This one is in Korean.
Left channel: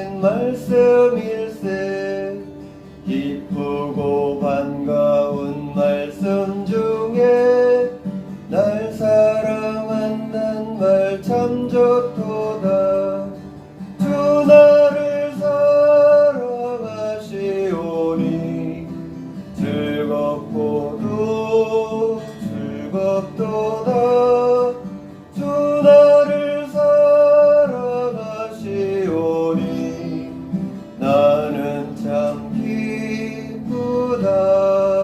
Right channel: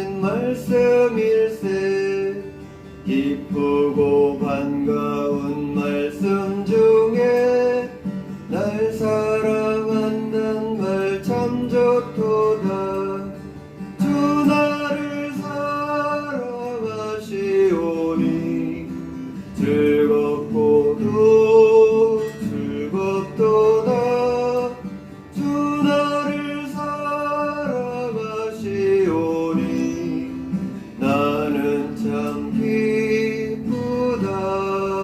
주신 말씀일세 기쁘고 반가운 말씀 중에 날 사랑한단 말 참 좋도다. 주 나를 사랑하시오니 즐겁고도 즐겁도다. love.